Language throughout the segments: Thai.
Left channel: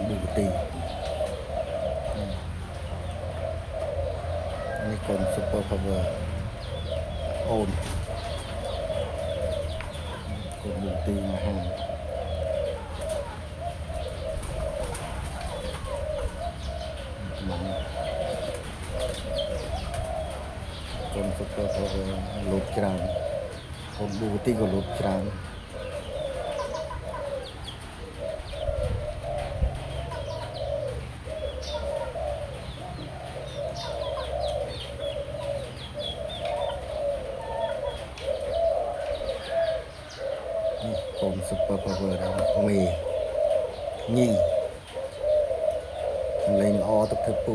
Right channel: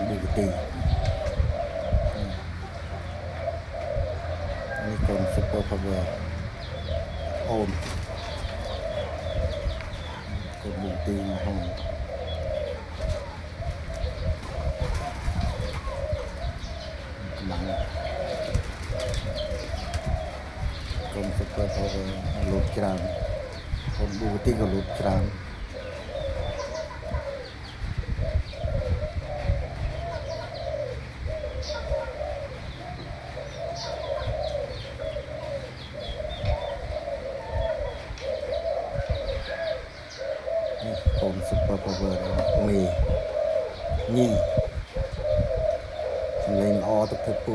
นบูตีอันนี้คนซุปเปอร์พาวเวอร์โอนคนบูตีมาห้องกำลังคนซุปเปอร์พาวเวอร์ลุดจรามคนบูตีก็ลุดจรามคนซุปเปอร์พาวเวอร์มีนี่เล่นออตุกเทปู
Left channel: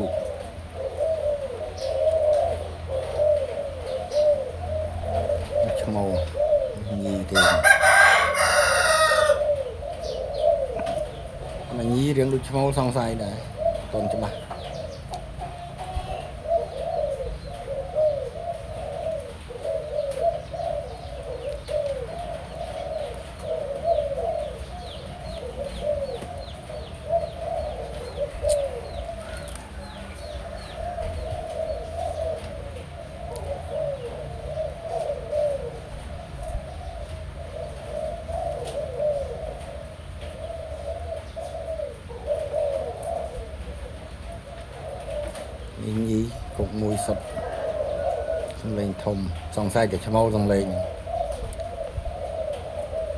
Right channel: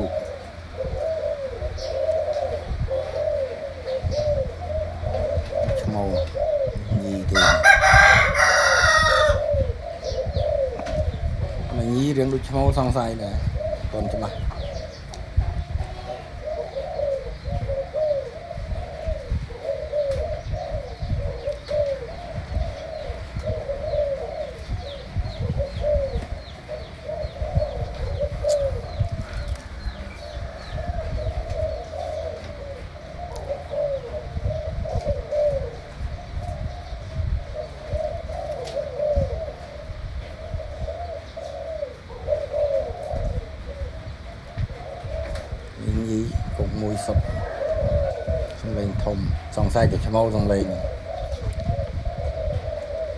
ชั่วโมงยี่เดือนมันยี่เรื่องดูชั่วโมงสองไซด์เลยตอนจะมายี่cục mùi sọt xong lên thùng xong sai để cho mau xong lên